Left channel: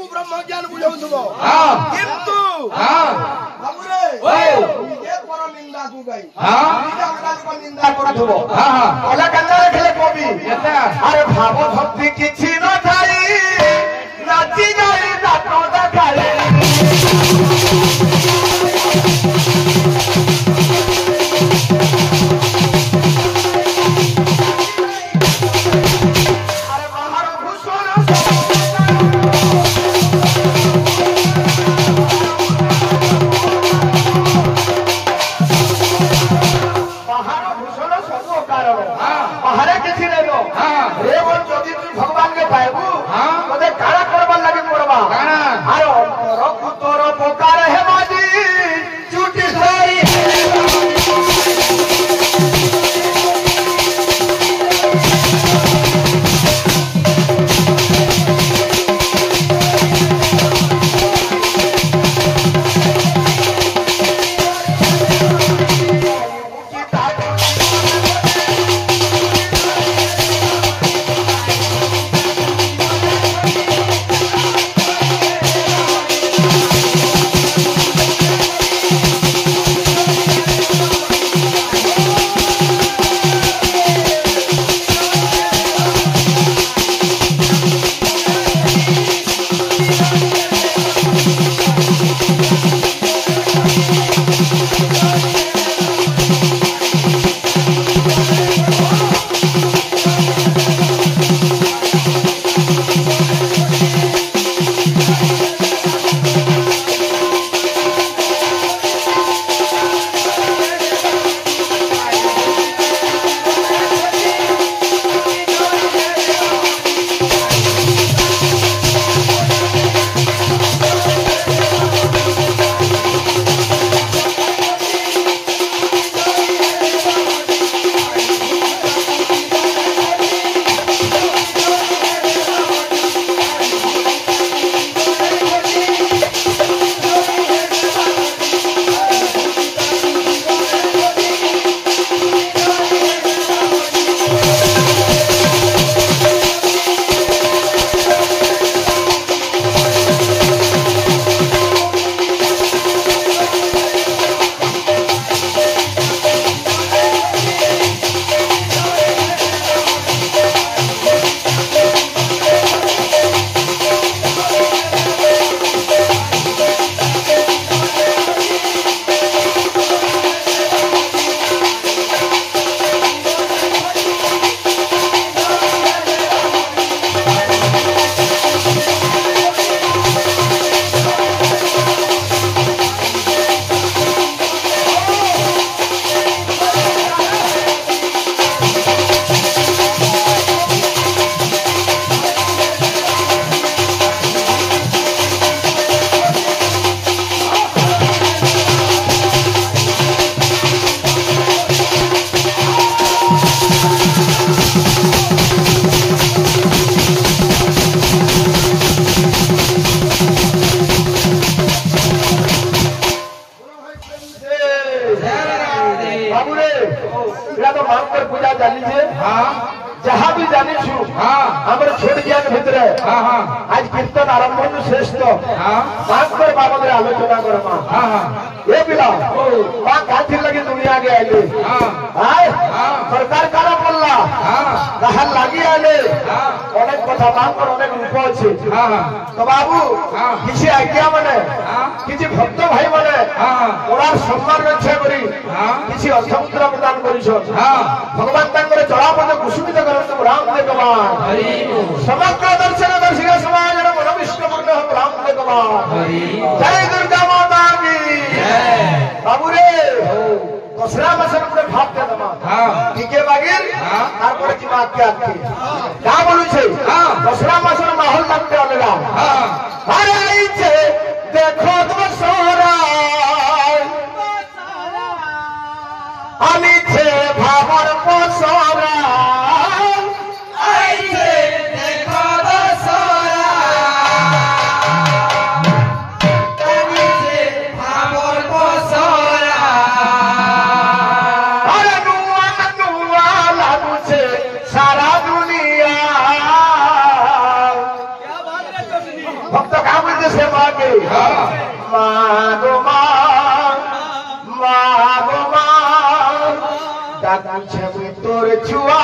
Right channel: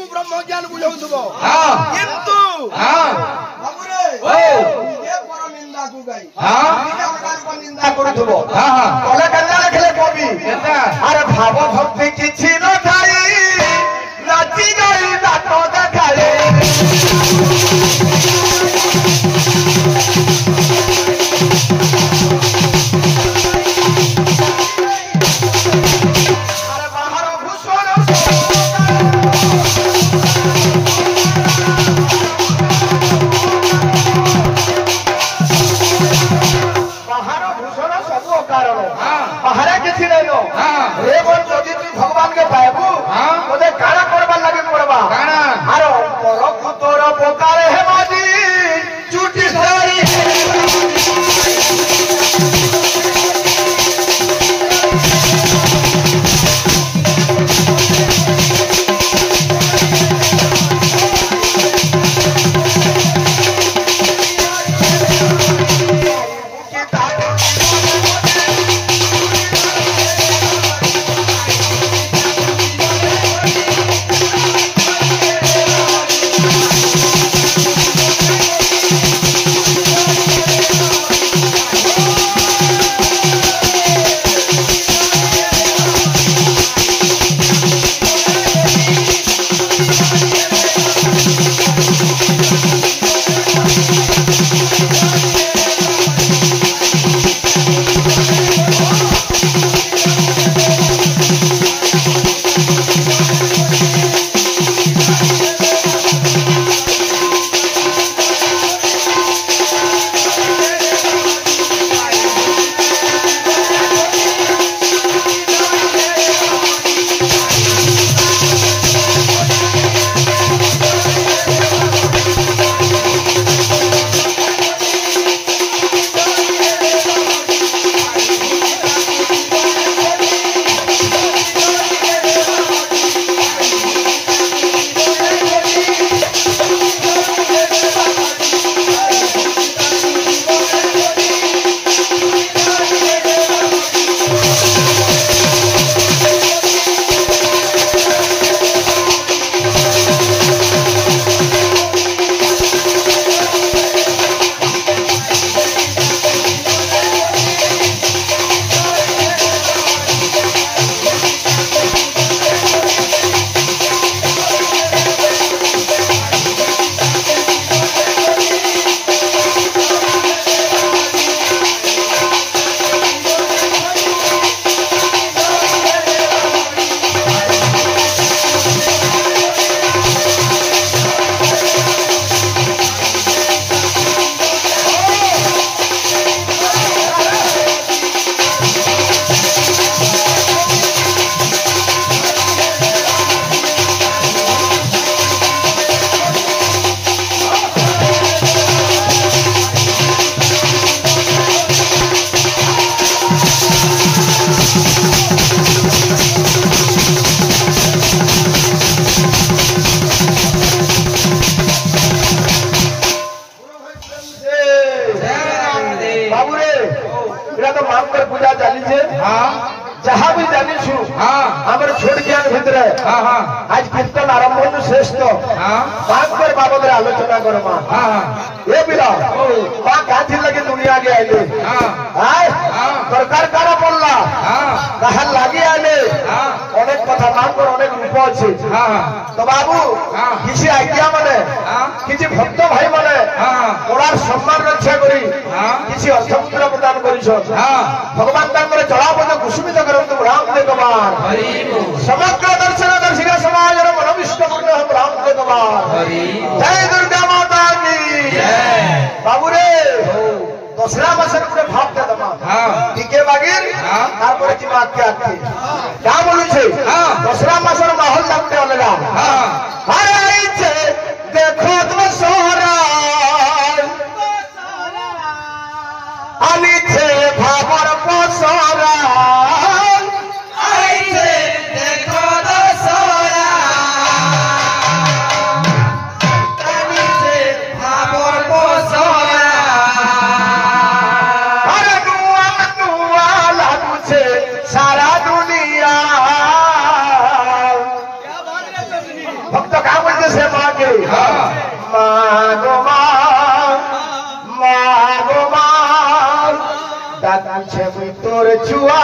को ब्रह्म ज्ञान बुझाउथबो किंतु बाबूरे निजे पर निंदा को गई निजे अलगा को निंदा करथबो कले कन्या रखले कवि अरे भाव भक्ति किछि न थाई नाची गई दातो देखाले भगवान के पाएबू तो काना करबार लगे पड़बा आरो तोर कुतोर पोकार है बाजी चुटी सारी जहाँ भी जानी छु हमर छोट ज्ञान भितर आज कीर्तन आरंभ श्रेष्ठ बात पर बाबद आलोचना करमा ये बिला बात काथी लगी दुनिया के आइले सरकार काना पड़ला बाहर लगी आइले अनेक कथा मान पर अनेक रूप अच्छे तो बाबू किसी आज्ञा माने किसी भक्त भाई माने ओरार सम्मान रक्षा करी किसी अर्थमुद्रा प्रदान करिस भगवान तांकर जलापद कुसुमित करंतु रामदेव कुमार समग्र दर्शन दर्शिका समाज मनोविष्ट पूर्ण रामदेव कुमार जय दुर्गा माता की बाबू रे दसरा मासर पुरे भाव दे दमा ठीके बागिर तारपरे जी मात के आती का बोलु छे दसरा मासर माहौल लागते आलेला अरे आई छे देखो तो सोरा आनी छे भावर पसरा आई छे देखो तो सोरा आनी छे भावर पसरा अरे नुआ नुआ लागू छे सारा दुनिया से मांगे मागो मागो डाकू छे मुई तोर छुआ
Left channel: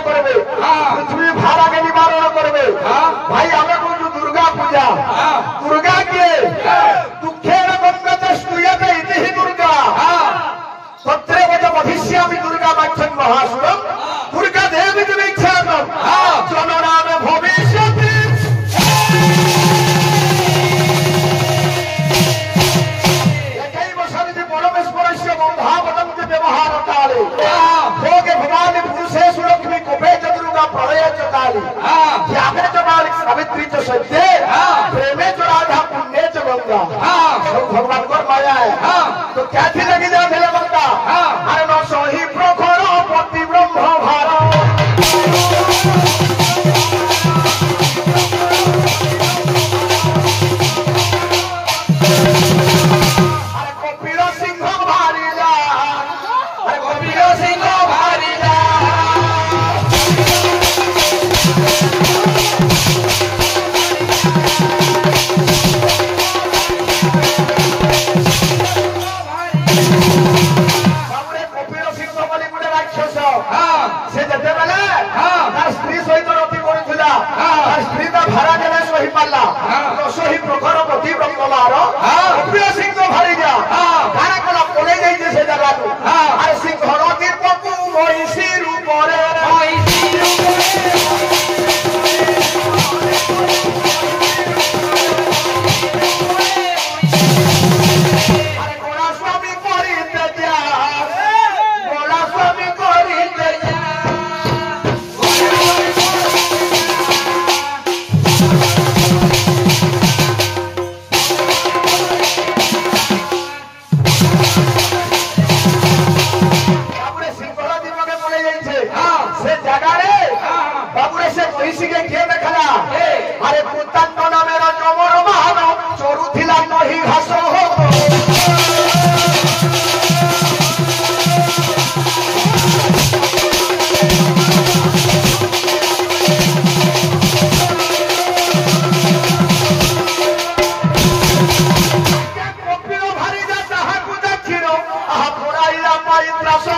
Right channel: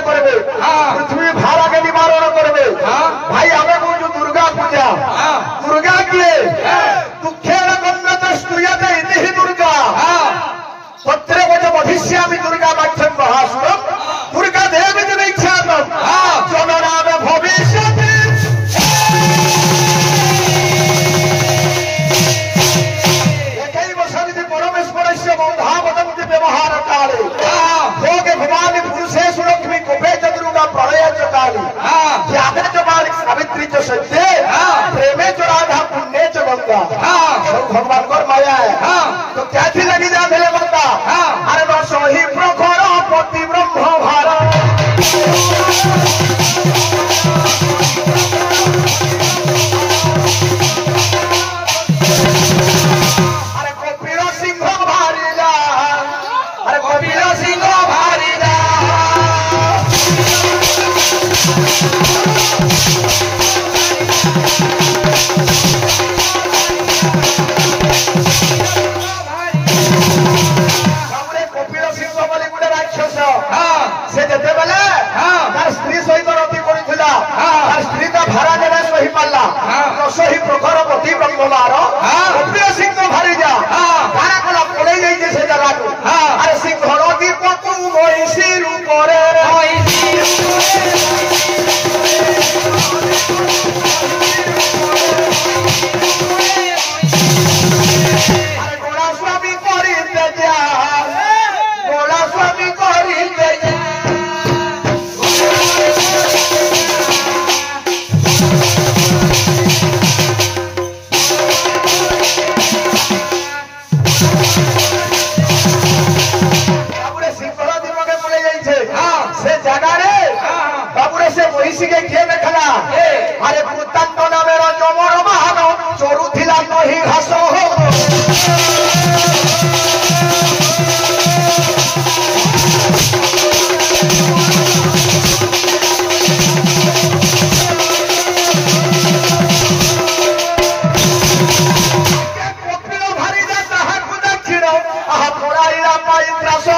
पृथ्वी भाड़ा के निवारण करबे भाई हमें बुझू दुर्गा पूजा दुर्गा के दुखेर बंदस्तुयते इति दुर्गा तत्रे वज वधिष्यामि दुर्गा वाक्यं महासुरम दुर्गा देवी दीक्षातम जननामे भविष्यति एकैव सन्ति परमेश्वरस्य बन्धावतं व्यवहार काले भोगे भवानी पुरुषेषु लक्ष्मी कुबे च दुर्गा प्रलय च काली त्यागे च बालिक सावित्री च सत्ये प्रेमे च राधा पुण्ये च गंगा सब भगवान को माया है तो क्या थी लगी जा भेले बंदा अरे न सही प्रखर पति ब्रह्म भार अरे कपिल सिंह भारीला अरे कपिल सिंह भारीला से जेते बेले तार स्त्री सहित रति करूला तार स्त्री का भाड़ा देने सही पाला तो सही प्रखर पति ब्रह्मवार कपिल सिंह भारी जा गाना कोला पड़े जाई से जगह को अरे सिंह दीपक महिषी रूपरे अरे गोड़ा स्वामी करी जा गोड़ा स्वामी करी जा से जगह बाबूरे से महिषी के किए देखला अरे पुतंग नामे जमर महान चोरू थिला नही घास भारी जा ताहाकु दक्षिण आहा पोराइला पाई त्रास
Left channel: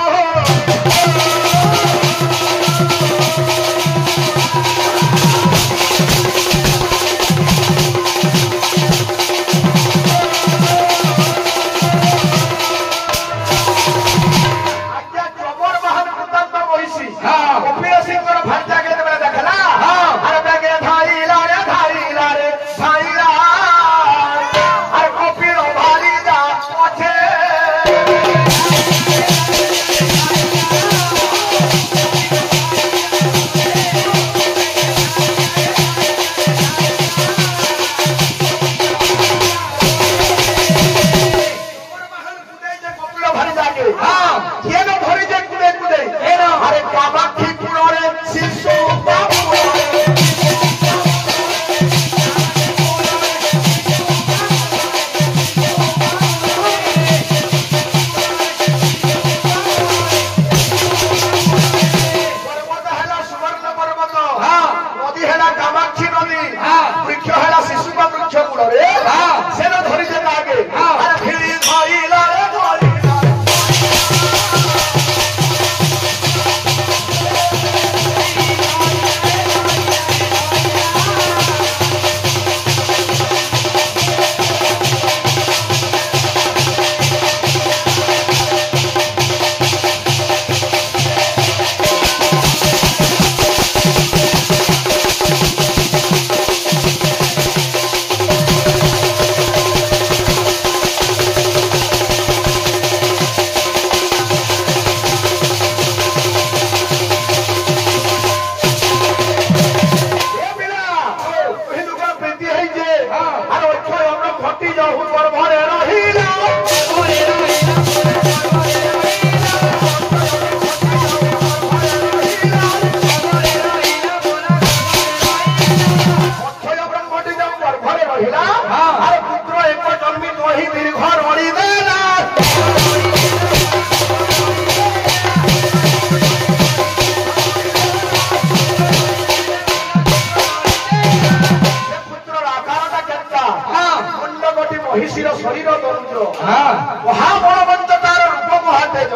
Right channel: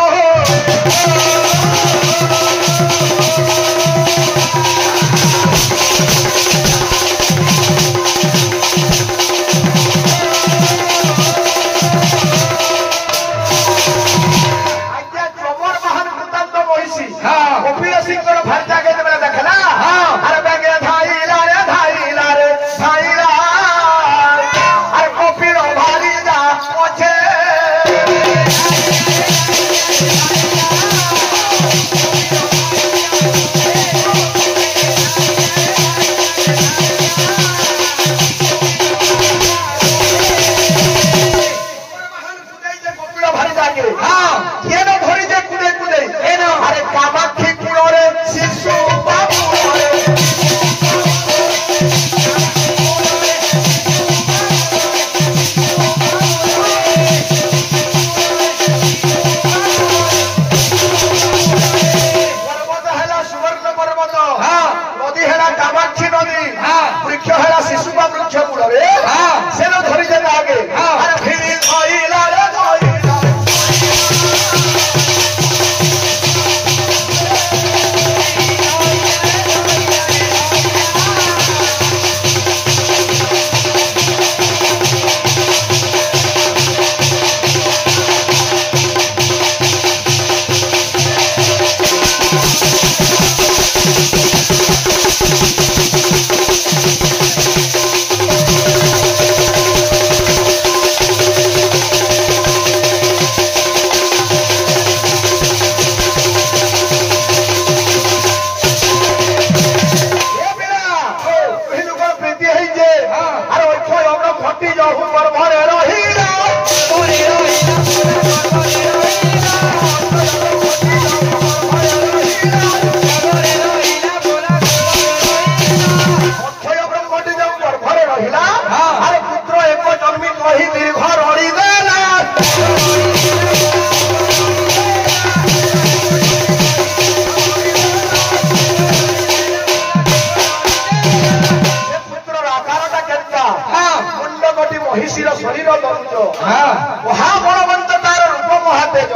मटी जाऊ पर भरे रहिला मटी जाऊ पर भरे रहिला अरे पुत्र एक जन्मी कही दीर्घ रही देला महिषीर शरीर दंत्र महाबलवंत तार रूप महातेज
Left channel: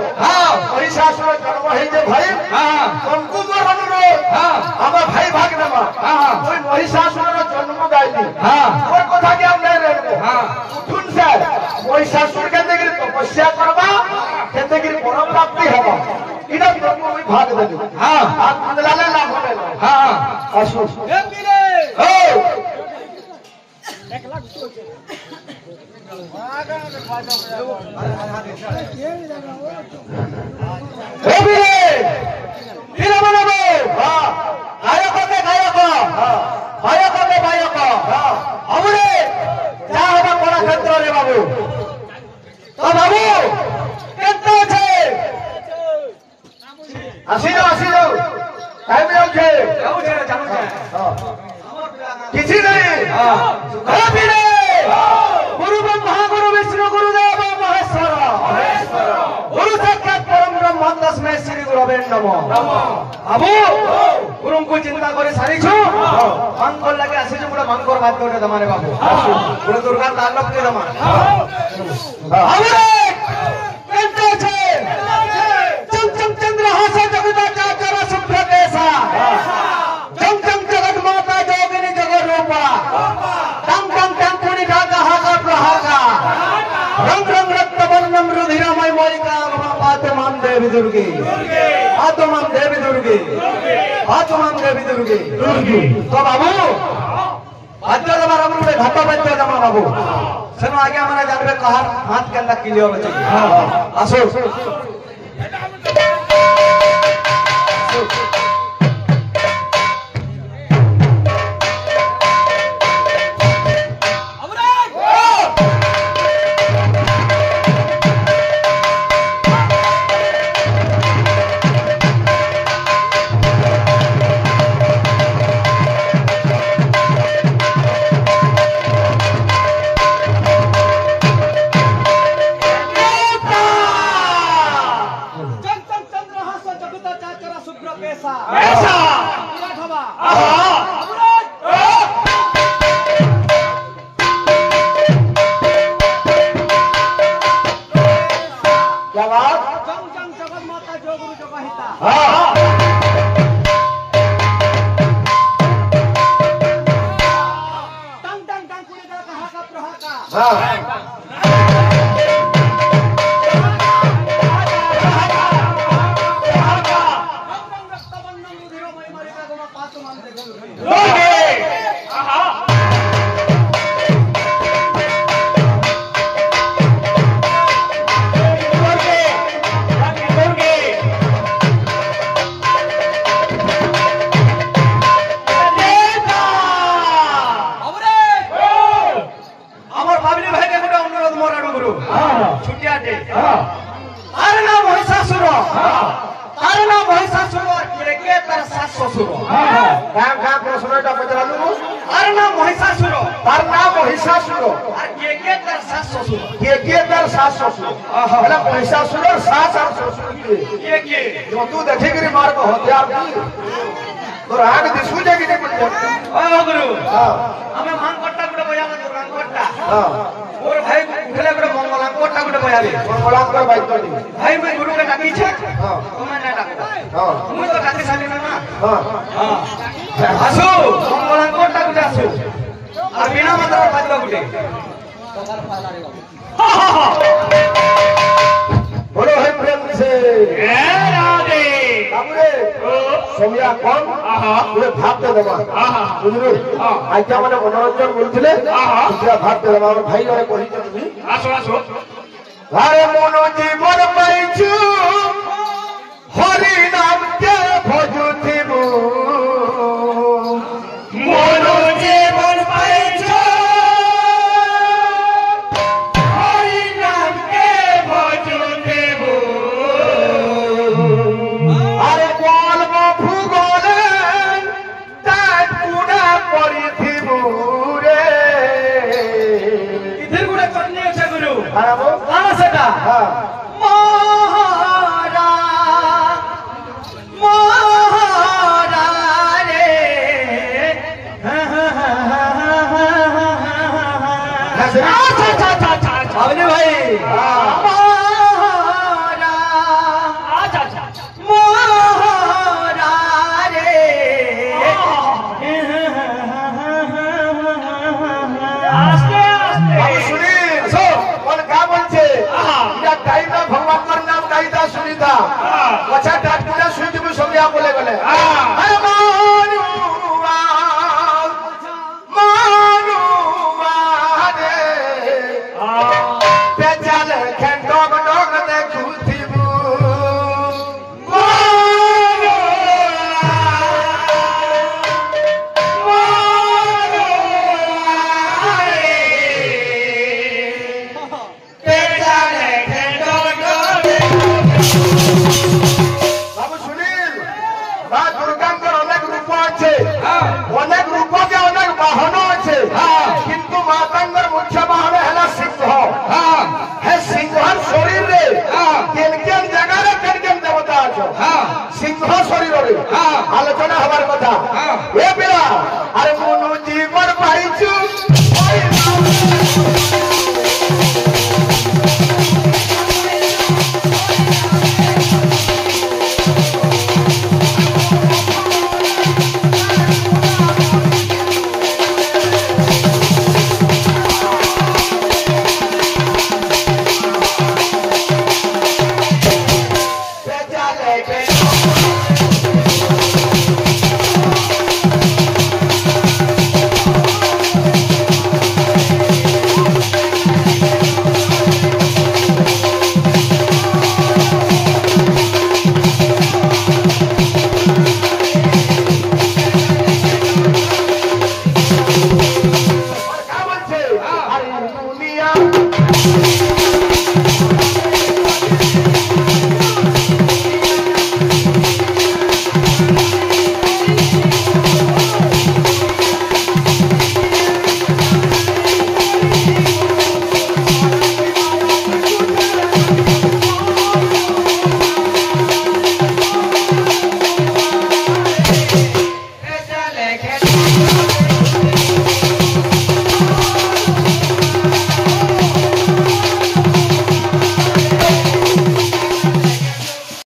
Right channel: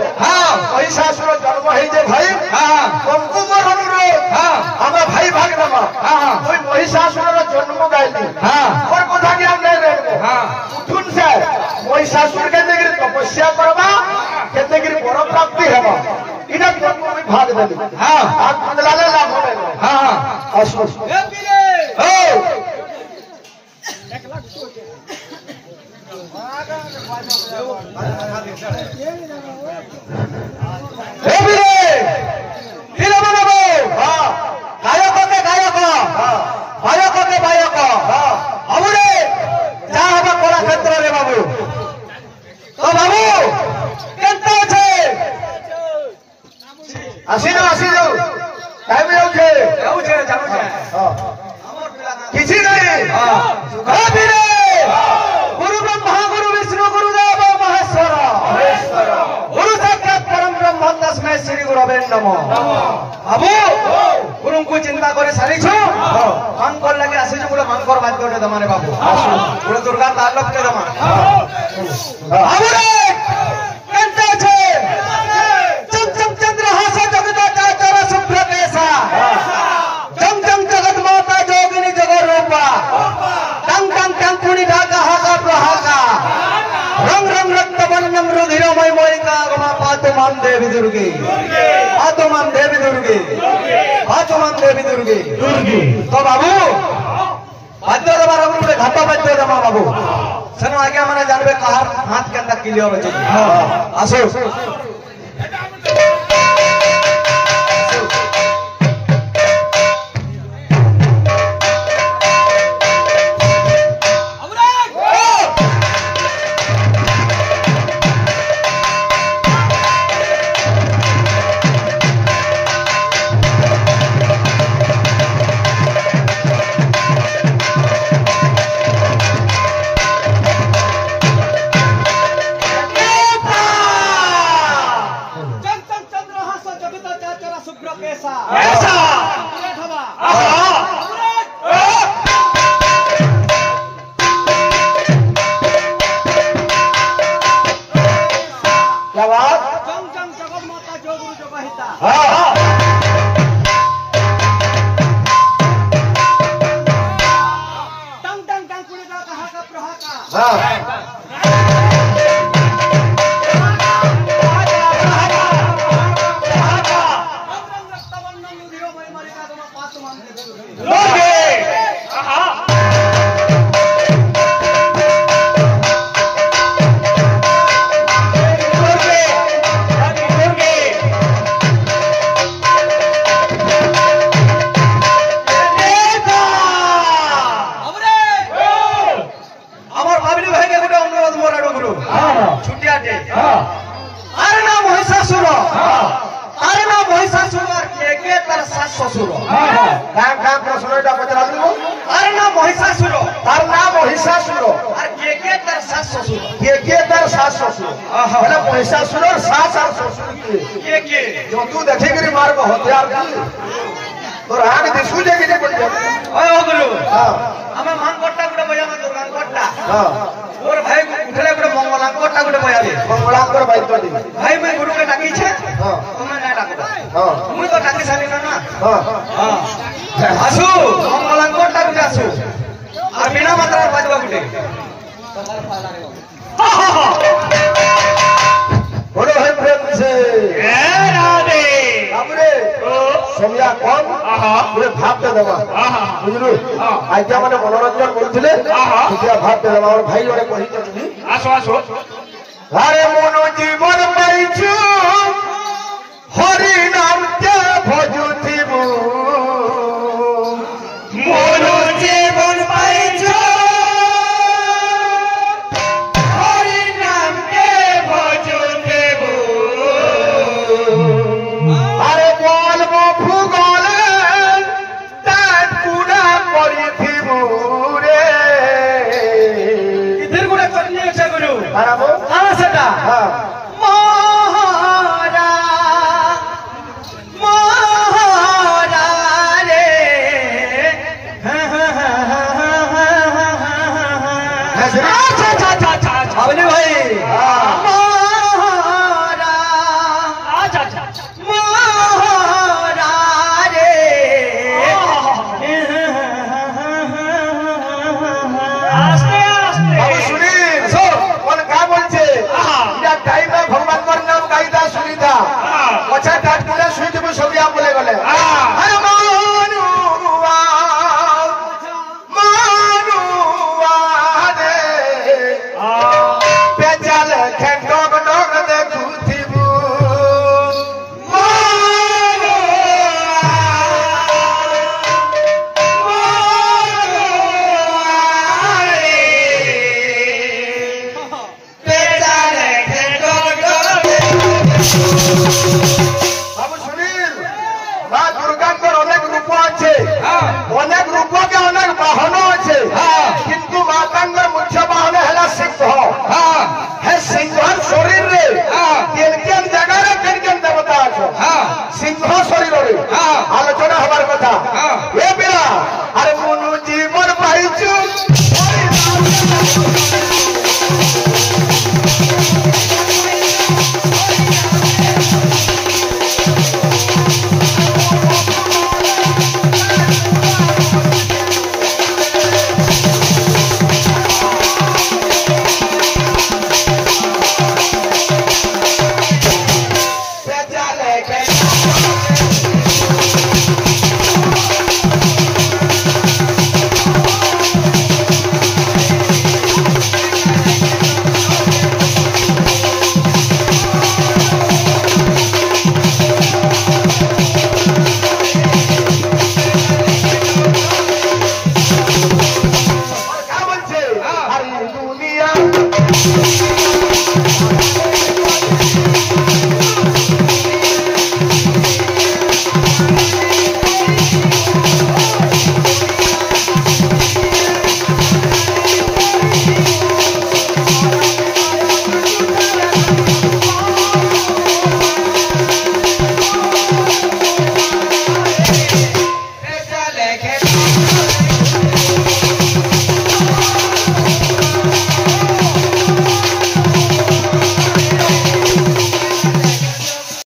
महिषासुर जन्म हे भाई कंकु मरणुरे आम भाई भागनामा कोई महिषासुर जन्म गाइली और कथा के हम नहीं रहे उठुन से महिषासुर के देगिर तपस्या करबा के देगिर वर प्राप्ति हेबा इना जन्म में भाग देली आज मंगलाले लाभ होले असो ए पीरे ओ किसी नहीं गुरु ब्रह्मा गुरु विष्णु गुरुदेव महेश्वर गुरु साक्षात परम ब्रह्म तस्मै श्री गुरवे नमः बाबू गुरु को चिंता करे सारी छु मांगकर लगे आसे जो मांगकर बात करके दमाने बाबू गुरु दुर्गा तांडव के दमा बाबू कंटे छे चम चम चंद्रहास जगत चाचर शुभ्र केसा जम जम जगत माता जोगिनी जगत रूपा टंग टंग टंग पुनि ढाका हाका प्रहाका रंग रंग रक्त वर्णम रुधिरमय मोहिका पातमान देवी दुर्गे पातमान देवी दुर्गे पातमान देवी दुर्गे तो बाबू बाद्य दमा रंग में घाटा बाद्य दमा बाबू सेनो आगे हमने जानबे कहार हाथ के अंदर क्लियर हो आसो तू देखी गिरी मार्ग हथियार तो राग दिसू जे कि गुरु हमें मान कोट्टा गुडे बजा ना दुर्गा कोट्टा और भाई उठले गुडे मंगला कोट्टा गुडे बजाबे मंगला कर बाई तो दी भाई मैं गुरु के डाकी छे तुमने ने डाको मुई तो डाकी साली ना आसु मंगला कोट्टा गुडे आसु और बिना मंत्र बजबा गुडे तो कर फाला रे बाबू बोलो है प्रेम से हमरे समया कौन पूरे भाग दे दमा बुझलु आइता माने मनोरंजन बोलथिले पूरा भाग दे दमा और भाई लड़े कहि तुमी आसो आसो अरे मनो जीवन पाइछु हरि नाम के भजुथिबु मनो जीवन पाइछु बाबू कहाँ से था? हाँ मोहरा मोहरा रे अवनी भाई मोहरा मोहरा रे बाबू सुनील কোন কা বলছে ইয়া টাইম না ভগবান নাম গাইদা সুনিতা আচ্ছা ডাট করে শুই দেব সবই আপ বলে গেলে আরে মানুয়া মানুয়া রে পেজাল খেন ডগ ডগ দেখুথিবু বাবু সুনীল মা দুর্গাঙ্কর অনেক রূপ আছে অনেক রূপকে অনেক বাহন আছে কিন্তু মাতাঙ্গর মুখ্য বাহন হল সিংহ হে সিংহর শরীরে কেন কেন জায়গায় কেন কেন দেবতা আছে সিংহ শরীরে আলোচনা হবার কথা এ পিলা আরে মনু জীবন পাইছু